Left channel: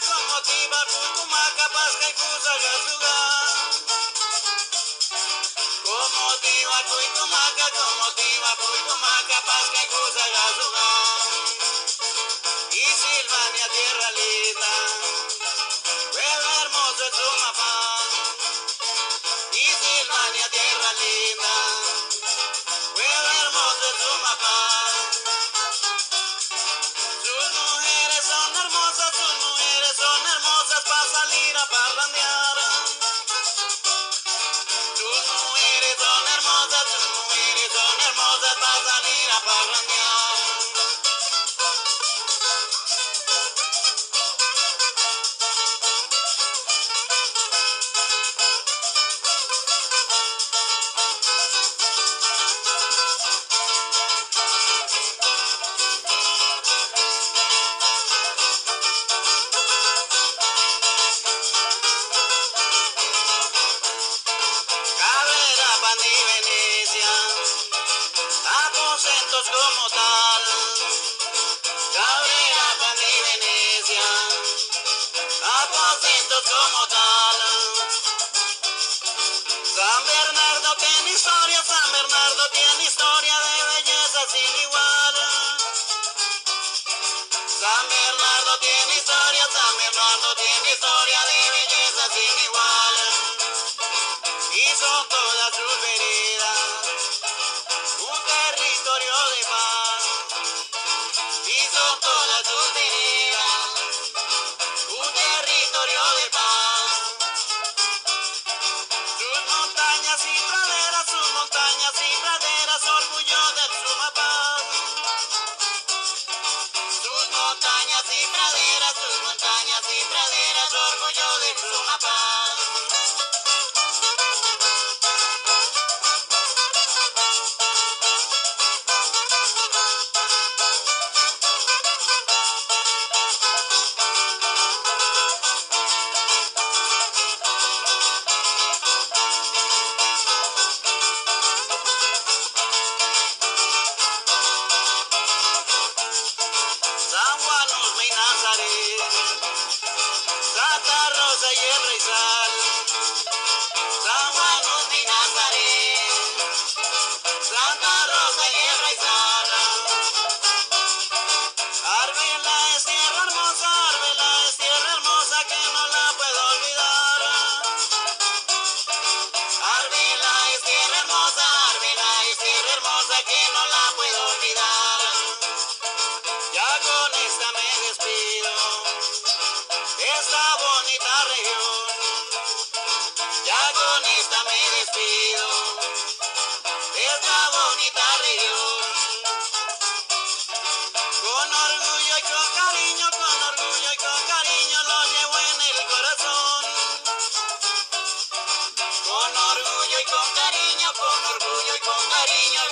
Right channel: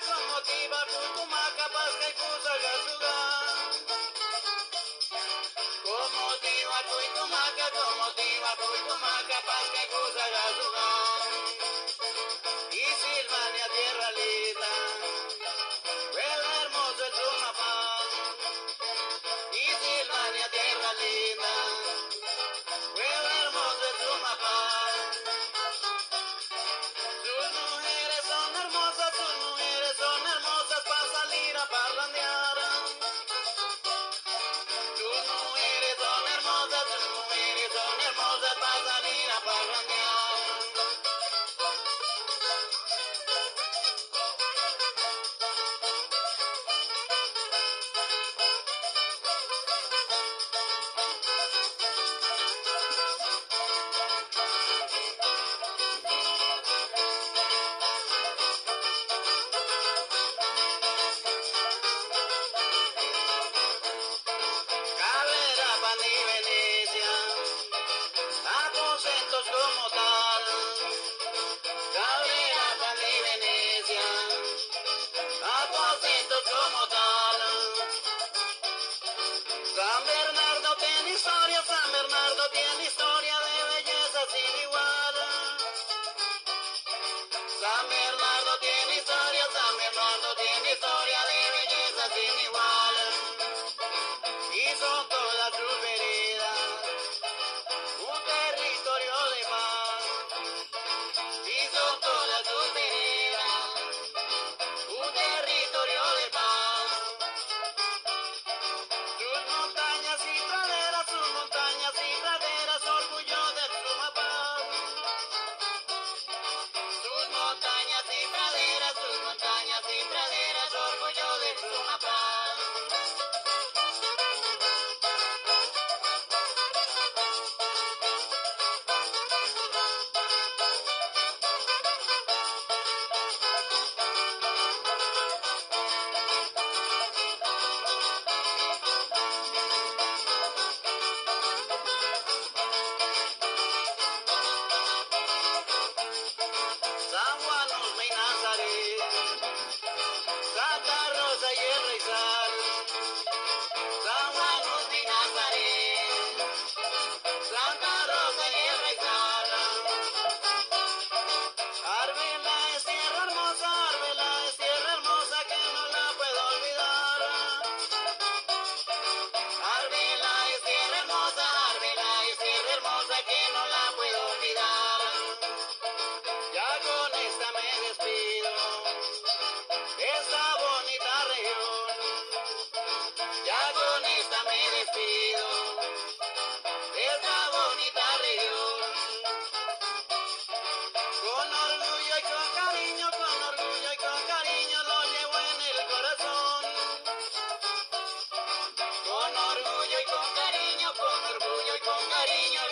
como tiba, Putumaca, Pasca y Cusagasuga. Como tiba, Putumaca, Pasca y Cusagasuga. Y Silvania, tierra linda, pueblo hermoso es Sumapaz. Y Silvania, tierra linda, pueblo hermoso es Sumapaz. Sus mujeres son hermosas para salir a parrandear. Sus mujeres son hermosas para salir a parrandear. Cabrera, Pan y Venecia, aposentos como tal. Cabrera, Pan y Venecia, aposentos como tal. San Bernardo tiene historia de belleza sin igual. San Bernardo tiene historia de belleza sin igual. Y son todas sus veredas un territorio de paz. Y son todas sus veredas un territorio de paz. Sus montañas y praderas, orgullo del Sumapaz. Sus montañas y praderas, orgullo del Sumapaz. San Juan, Usme y Nazaret, Santa Rosa y el Raizal. San Juan, Usme y Nazaret, Santa Rosa y el Raizal. Arbela es tierra hermosa que no la puedo olvidar. Arbela es tierra hermosa que no la puedo olvidar. Ya con esta me despido de esta bonita región. Ya con esta me despido de esta bonita región. Con orgullo y con cariño lo llevo en el corazón. Con orgullo y con cariño